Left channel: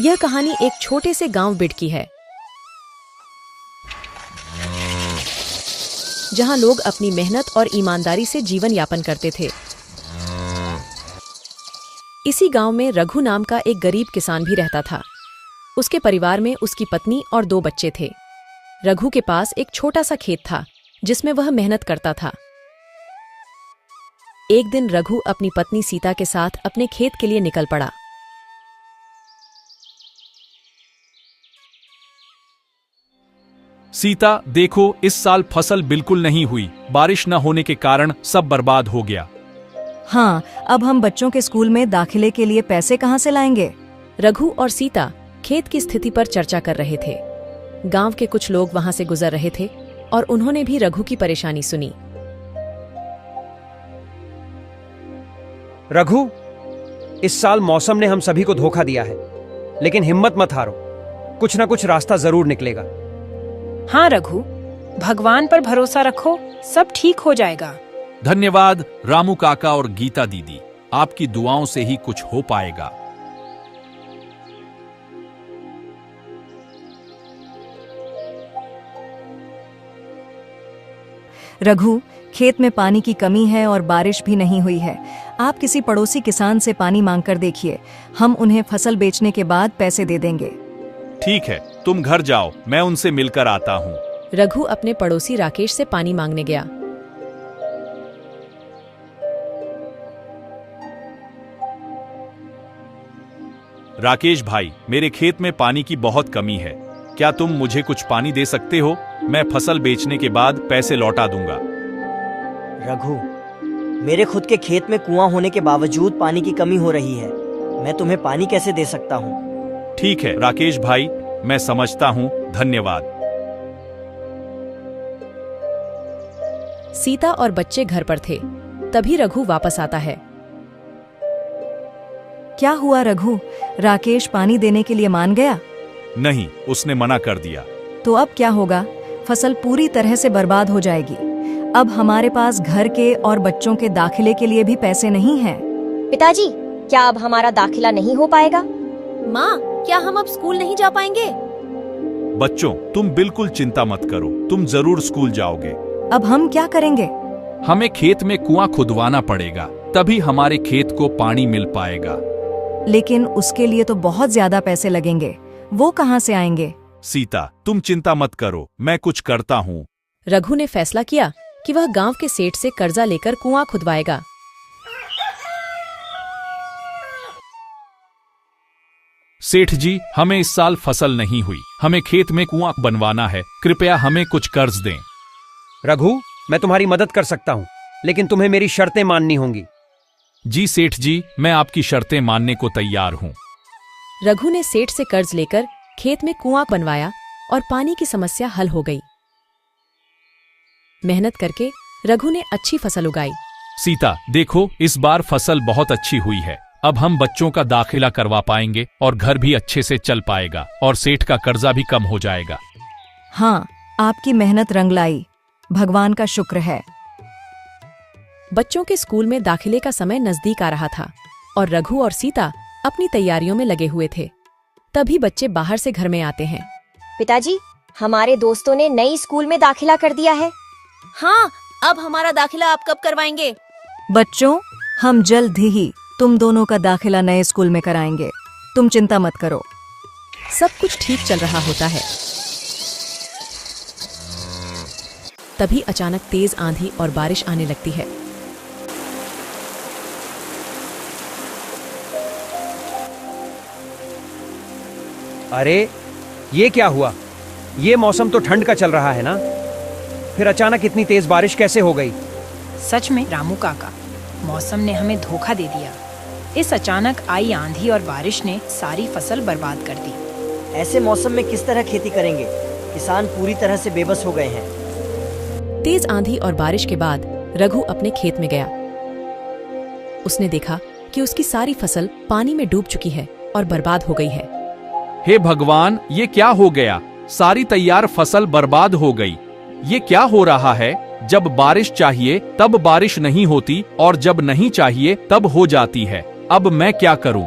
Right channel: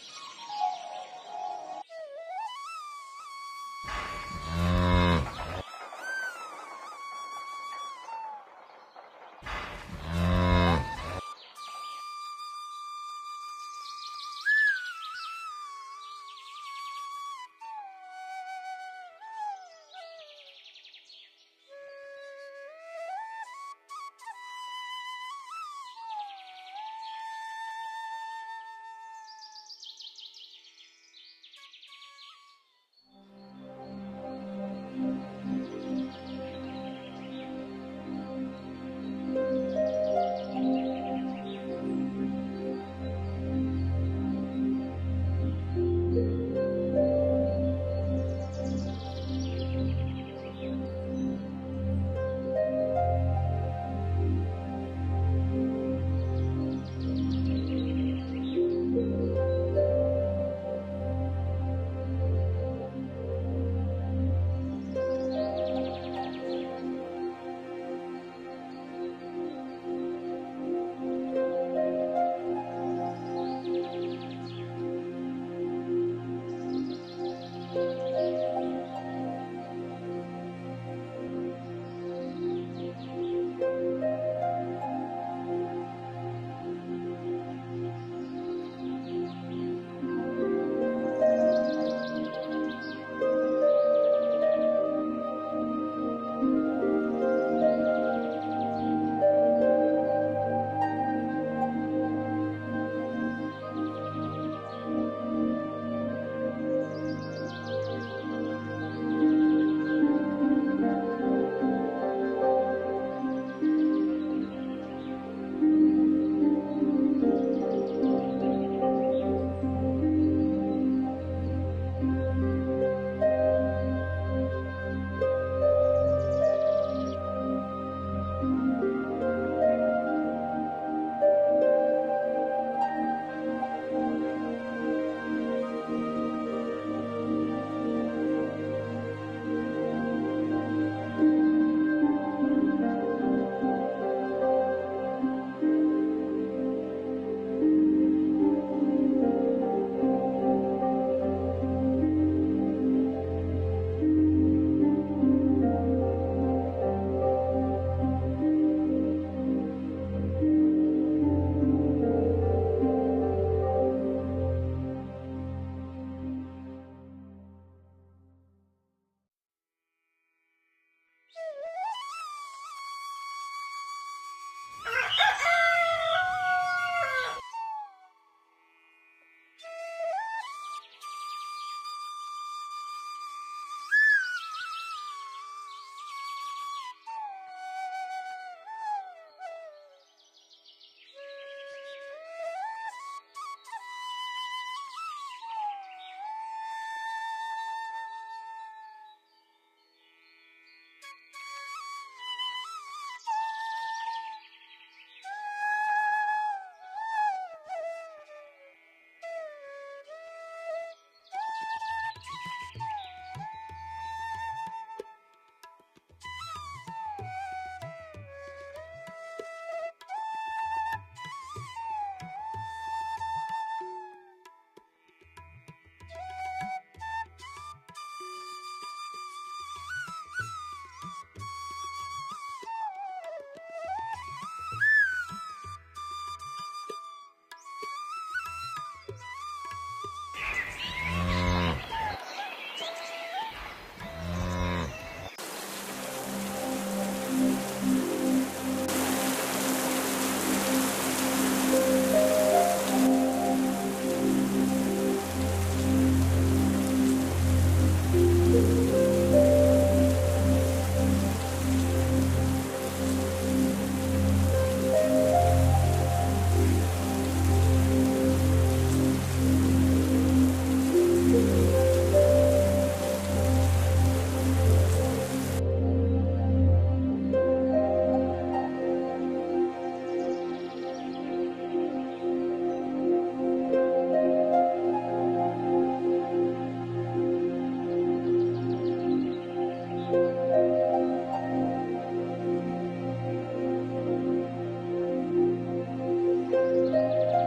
यह कहानी एक छोटे से गांव बिड की है, जहां लोग अपनी मेहनत और ईमानदारी से जीवन यापन करते थे। इसी गांव में रघु नाम का एक गरीब किसान भी रहता था। उसके परिवार में उसकी पत्नी और 2 बच्चे थे। रघु के पास एक छोटा सा खेत था जिसमें वह मेहनत करता था। एक दिन रघु अपनी पत्नी सीता के साथ अपने खेत के लिए निकल पड़ा। सीता, देखो इस साल फसल बिल्कुल नहीं हुई। बारिश न होने के कारण सब बर्बाद हो गया। हाँ, अब हम बच्चों के स्कूल में दाखिले के लिए पैसे कहाँ से लाएंगे? रघु और सीता खेत की स्थिति पर चर्चा कर रहे थे। गांव के कुछ लोग वहां से गुजर रहे थे और उन्होंने भी रघु की परेशानी सुनी। रघु, इस साल मौसम ने हम सभी को धोखा दिया है, लेकिन हिम्मत मत हारो, कुछ ना कुछ रास्ता जरूर निकलेगा। हाँ रघु, भगवान पर भरोसा रखो, सब ठीक हो जाएगा। धन्यवाद रामू काका और गीता दीदी, आपकी दुआओं से ही कुछ हो पाएगा। रघु, खेत में पानी की कमी है और बारिश भी नहीं हुई है। आप किसी पड़ोसी किसान से पानी मांगकर देखिए, हम उन्हें फसल बेचने के बाद पैसे दे देंगे। ठीक है, तुम घर जाओ, मैं उनसे मिलकर आता हूँ। रघु अपने पड़ोसी राकेश से पानी मांगने गया। राकेश भाई, मेरे खेत में पानी की बहुत कमी है, क्या तुम मुझे कुछ पानी दे सकते हो? मैं फसल बेचने के बाद पैसे लौटा दूंगा। रघु, मेरे खुद के खेत में कुआं होने के बावजूद पानी की कमी हो रही है, मैं तुम्हें पानी कैसे दे सकता हूँ? ठीक है राकेश भाई, मैं समझता हूँ, धन्यवाद। सीता और बच्चे घर पर थे, तभी रघु वापस आता है। क्या हुआ रघु? राकेश पानी देने के लिए मान गया? नहीं, उसने मना कर दिया। तो अब क्या होगा? फसल पूरी तरह से बर्बाद हो जाएगी। अब हमारे पास घर के और बच्चों के दाखिले के लिए भी पैसे नहीं हैं। पिताजी, क्या अब हमारा दाखिला नहीं हो पाएगा? माँ, क्या हम अब स्कूल नहीं जा पाएंगे? बच्चों, तुम बिल्कुल चिंता मत करो, तुम जरूर स्कूल जाओगे। अब हम क्या करेंगे? हमें खेत में कुआं खुदवाना पड़ेगा, तभी हमारे खेत को पानी मिल पाएगा। लेकिन उसके लिए तो बहुत ज्यादा पैसे लगेंगे, वो कहाँ से आएंगे? सीता, तुम चिंता मत करो, मैं कुछ करता हूँ। रघु ने फैसला किया कि वह गांव के सेठ से कर्जा लेकर कुआं खुदवाएगा। सेठ जी, हमें इस साल फसल नहीं हुई, हमें खेत में कुआं बनवाना है, कृपया हमें कुछ कर्ज दें। रघु, मैं तुम्हारी मदद कर सकता हूँ, लेकिन तुम्हें मेरी शर्तें माननी होंगी। जी सेठ जी, मैं आपकी शर्तें मानने को तैयार हूँ। रघु ने सेठ से कर्ज लेकर खेत में कुआं बनवाया और पानी की समस्या हल हो गई। मेहनत करके रघु ने अच्छी फसल उगाई। सीता, देखो इस बार फसल बहुत अच्छी हुई है, अब हम बच्चों का दाखिला करवा पाएंगे और घर भी अच्छे से चल पाएगा और सेठ का कर्जा भी कम हो जाएगा। हाँ, आपकी मेहनत रंग लाई, भगवान का शुक्र है। बच्चों के स्कूल में दाखिले का समय नजदीक आ रहा था और रघु और सीता अपनी तैयारियों में लगे हुए थे। तभी बच्चे बाहर से घर में आते हैं। पिताजी, हमारे दोस्तों ने नई स्कूल में दाखिला कर दिया है। हाँ, अब हमारा दाखिला आप कब करवाएंगे? बच्चों, हम जल्द ही तुम दोनों का दाखिला नए स्कूल में कराएंगे, तुम चिंता मत करो। सब कुछ ठीक चल रहा होता है। तभी अचानक तेज आंधी और बारिश आने लगती है। अरे, ये क्या हुआ? ये मौसम तो ठंड का चल रहा है ना, फिर अचानक इतनी तेज बारिश कैसे हो गई? सच में रामू काका, मौसम ने हमें धोखा दे दिया। इस अचानक आई आंधी और बारिश ने सारी फसल बर्बाद कर दी। ऐसे मौसम में किस तरह खेती करेंगे? किसान पूरी तरह से बेबस हो गए हैं। तेज आंधी और बारिश के बाद रघु अपने खेत में गया। उसने देखा कि उसकी सारी फसल पानी में डूब चुकी है और बर्बाद हो गई है। हे भगवान, ये क्या हो गया? सारी तैयार फसल बर्बाद हो गई। ये क्या हो रहा है? जब बारिश चाहिए तब बारिश नहीं होती और जब नहीं चाहिए तब हो जाती है। अब मैं क्या करूं?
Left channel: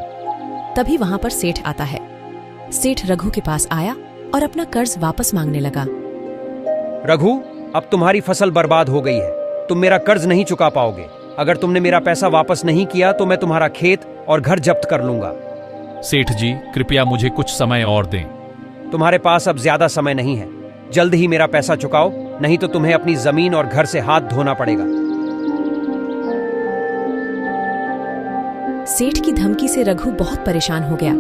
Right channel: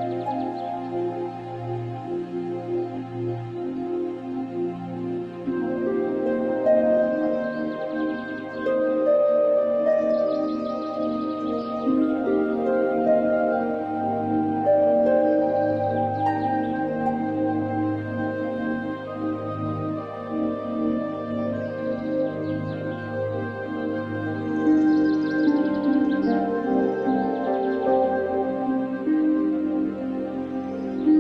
तभी वहां पर सेठ आता है। सेठ रघु के पास आया और अपना कर्ज वापस मांगने लगा। रघु, अब तुम्हारी फसल बर्बाद हो गई है। तुम मेरा कर्ज नहीं चुका पाओगे। अगर तुमने मेरा पैसा वापस नहीं किया तो मैं तुम्हारा खेत और घर जब्त कर लूंगा। सेठ जी, कृपया मुझे कुछ समय और दें। तुम्हारे पास अब ज्यादा समय नहीं है। जल्द ही मेरा पैसा चुकाओ, नहीं तो तुम्हें अपनी जमीन और घर से हाथ धोना पड़ेगा। सेठ की धमकी से रघु बहुत परेशान हो गया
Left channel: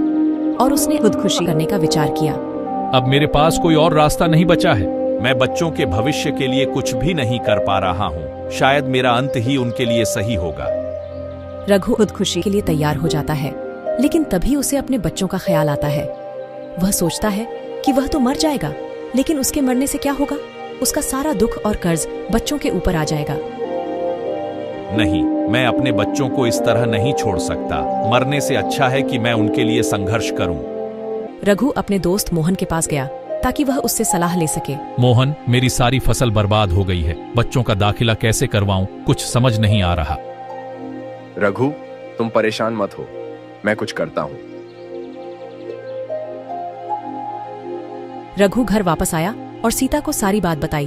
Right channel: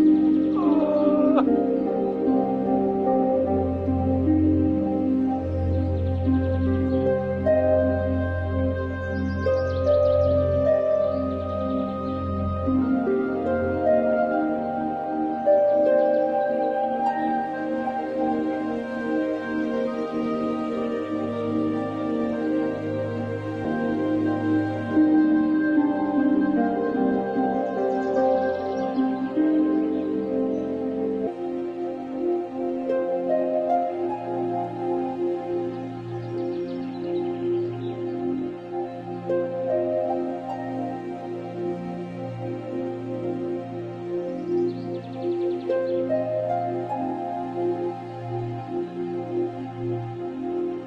और उसने खुदकुशी करने का विचार किया। अब मेरे पास कोई और रास्ता नहीं बचा है। मैं बच्चों के भविष्य के लिए कुछ भी नहीं कर पा रहा हूँ। शायद मेरा अंत ही उनके लिए सही होगा। रघु खुदकुशी के लिए तैयार हो जाता है, लेकिन तभी उसे अपने बच्चों का ख्याल आता है। वह सोचता है कि वह तो मर जाएगा, लेकिन उसके मरने से क्या होगा? उसका सारा दुख और कर्ज बच्चों के ऊपर आ जाएगा। नहीं, मैं अपने बच्चों को इस तरह नहीं छोड़ सकता। मरने से अच्छा है कि मैं उनके लिए संघर्ष करूं। रघु अपने दोस्त मोहन के पास गया ताकि वह उससे सलाह ले सके। मोहन, मेरी सारी फसल बर्बाद हो गई है। बच्चों का दाखिला कैसे करवाऊं, कुछ समझ नहीं आ रहा। रघु, तुम परेशान मत हो, मैं कुछ करता हूँ। रघु घर वापस आया और सीता को सारी बात बताई।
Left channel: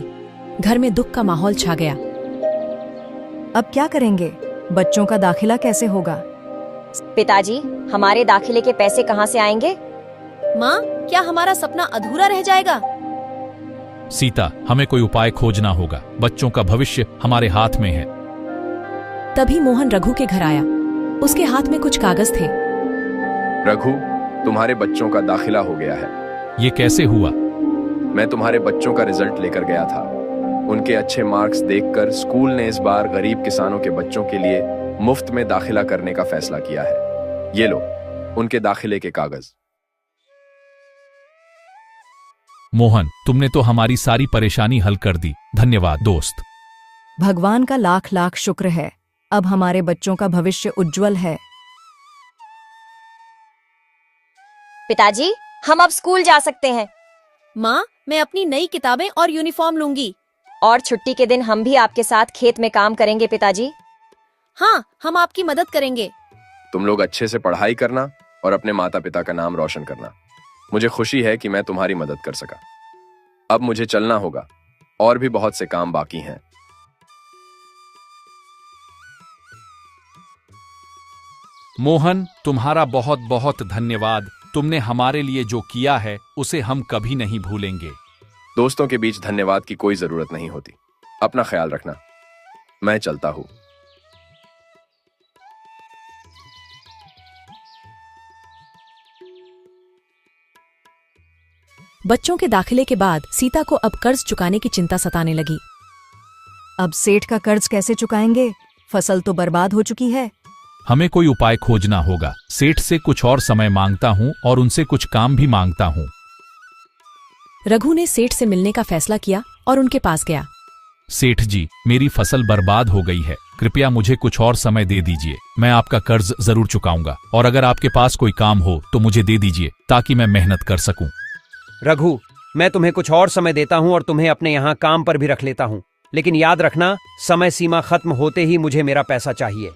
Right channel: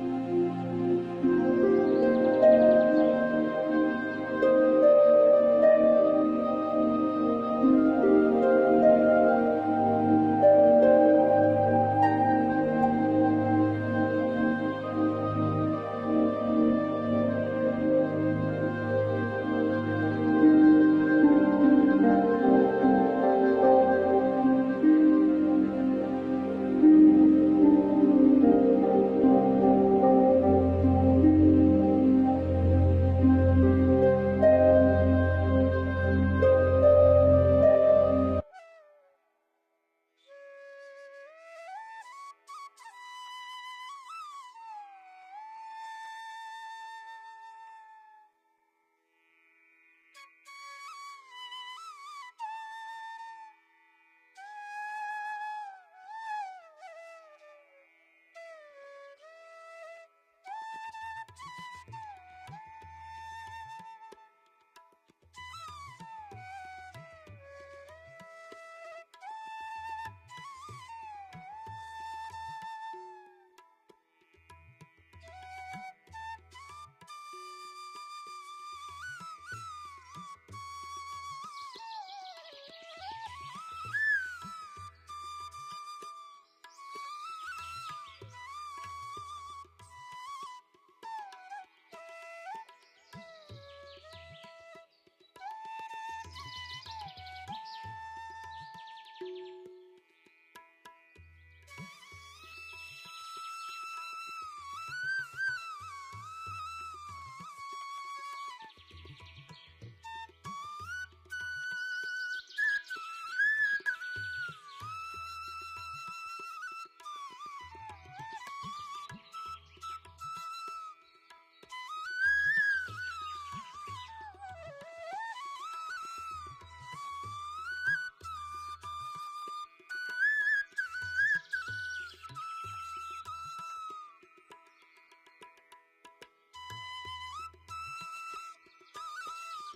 घर में दुख का माहौल छा गया। अब क्या करेंगे? बच्चों का दाखिला कैसे होगा? पिताजी, हमारे दाखिले के पैसे कहाँ से आएंगे? माँ, क्या हमारा सपना अधूरा रह जाएगा? सीता, हमें कोई उपाय खोजना होगा। बच्चों का भविष्य हमारे हाथ में है। तभी मोहन रघु के घर आया। उसके हाथ में कुछ कागज थे। रघु, तुम्हारे बच्चों का दाखिला हो गया है। ये कैसे हुआ? मैं तुम्हारे बच्चों का रिजल्ट लेकर गया था। उनके अच्छे मार्क्स देखकर स्कूल ने इस बार गरीब किसानों के बच्चों के लिए मुफ्त में दाखिला करने का फैसला किया है। ये लो, उनके दाखिले के कागज। मोहन, तुमने तो हमारी सारी परेशानी हल कर दी। धन्यवाद दोस्त। भगवान का लाख लाख शुक्र है। अब हमारे बच्चों का भविष्य उज्जवल है। पिताजी, हम अब स्कूल जा सकते हैं। माँ, मैं अपनी नई किताबें और यूनिफॉर्म लूंगी। और छुट्टी के दिन हम भी आपके साथ खेत में काम करेंगे पिताजी। हाँ, हम आपकी मदद करेंगे। तुम लोग अच्छे से पढ़ाई करना और अपने माता पिता का नाम रोशन करना। मुझे खुशी है कि मैं तुम्हारी मदद कर सका। अब मुझे चलना होगा, और भी बहुत से काम बाकी हैं। मोहन, तुम्हारा बहुत बहुत धन्यवाद। तुमने हमारे लिए जो किया है उसे हम कभी नहीं भूलेंगे। दोस्तों के बीच धन्यवाद की कोई जरूरत नहीं होती। अपना ख्याल रखना। मैं चलता हूँ। बच्चों के दाखिले के बाद सीता को अब कर्ज चुकाने की चिंता सताने लगी। अब सेठ का कर्ज कैसे चुकाएंगे? फसल तो बर्बाद हो चुकी है। हमें कोई उपाय खोजना होगा। सेठ से कुछ और समय मांगता हूँ और उनसे कुछ काम भी मांगता हूँ। रघु ने सेठ से मिलने का फैसला किया और उनके पास गया। सेठ जी, मेरी फसल बर्बाद हो गई है। कृपया मुझे कुछ और समय दे दीजिए। मैं आपका कर्ज जरूर चुकाऊंगा, और अगर आपके पास कोई काम हो तो मुझे दे दीजिए ताकि मैं मेहनत कर सकूं। रघु, मैं तुम्हें कुछ और समय देता हूँ और तुम्हें अपने यहाँ काम पर भी रख लेता हूँ, लेकिन याद रखना, समय सीमा खत्म होते ही मुझे मेरा पैसा चाहिए।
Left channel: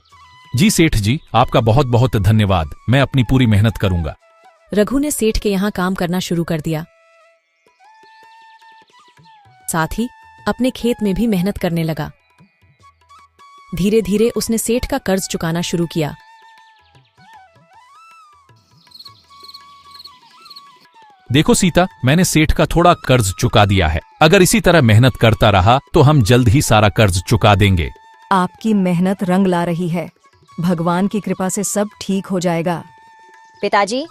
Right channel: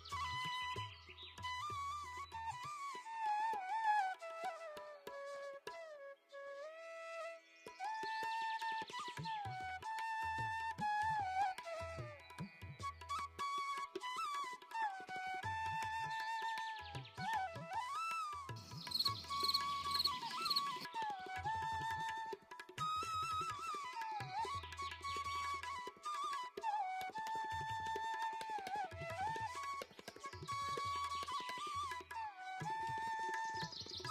जी सेठ जी, आपका बहुत बहुत धन्यवाद। मैं अपनी पूरी मेहनत करूंगा। रघु ने सेठ के यहाँ काम करना शुरू कर दिया। साथ ही अपने खेत में भी मेहनत करने लगा। धीरे धीरे उसने सेठ का कर्ज चुकाना शुरू किया। देखो सीता, मैंने सेठ का थोड़ा कर्ज चुका दिया है। अगर इसी तरह मेहनत करता रहा तो हम जल्द ही सारा कर्ज चुका देंगे। आपकी मेहनत रंग ला रही है। भगवान की कृपा से सब ठीक हो जाएगा। पिताजी,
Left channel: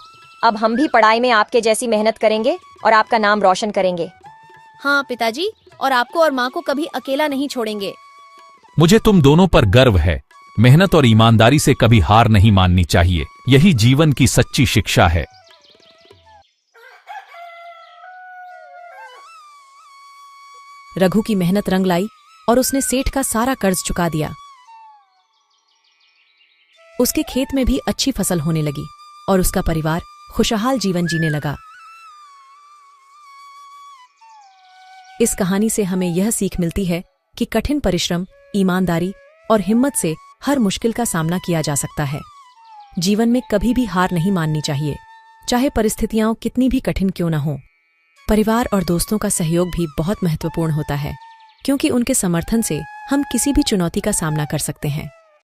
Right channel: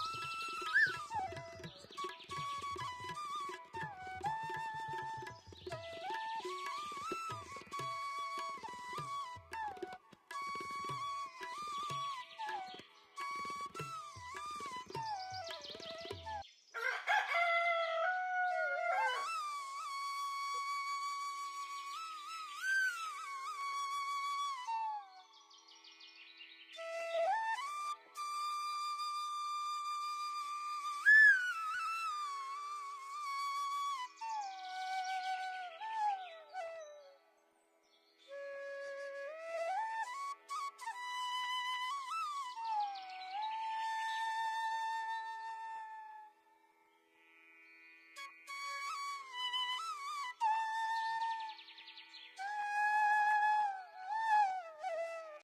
अब हम भी पढ़ाई में आपके जैसी मेहनत करेंगे और आपका नाम रोशन करेंगे। हाँ पिताजी, और आपको और माँ को कभी अकेला नहीं छोड़ेंगे। मुझे तुम दोनों पर गर्व है। मेहनत और ईमानदारी से कभी हार नहीं माननी चाहिए। यही जीवन की सच्ची शिक्षा है। रघु की मेहनत रंग लाई और उसने सेठ का सारा कर्ज चुका दिया। उसके खेत में भी अच्छी फसल होने लगी और उसका परिवार खुशहाल जीवन जीने लगा। इस कहानी से हमें यह सीख मिलती है कि कठिन परिश्रम, ईमानदारी और हिम्मत से हर मुश्किल का सामना किया जा सकता है। जीवन में कभी भी हार नहीं माननी चाहिए। चाहे परिस्थितियां कितनी भी कठिन क्यों न हो। परिवार और दोस्तों का सहयोग भी बहुत महत्वपूर्ण होता है, क्योंकि उनके समर्थन से हम किसी भी चुनौती का सामना कर सकते हैं।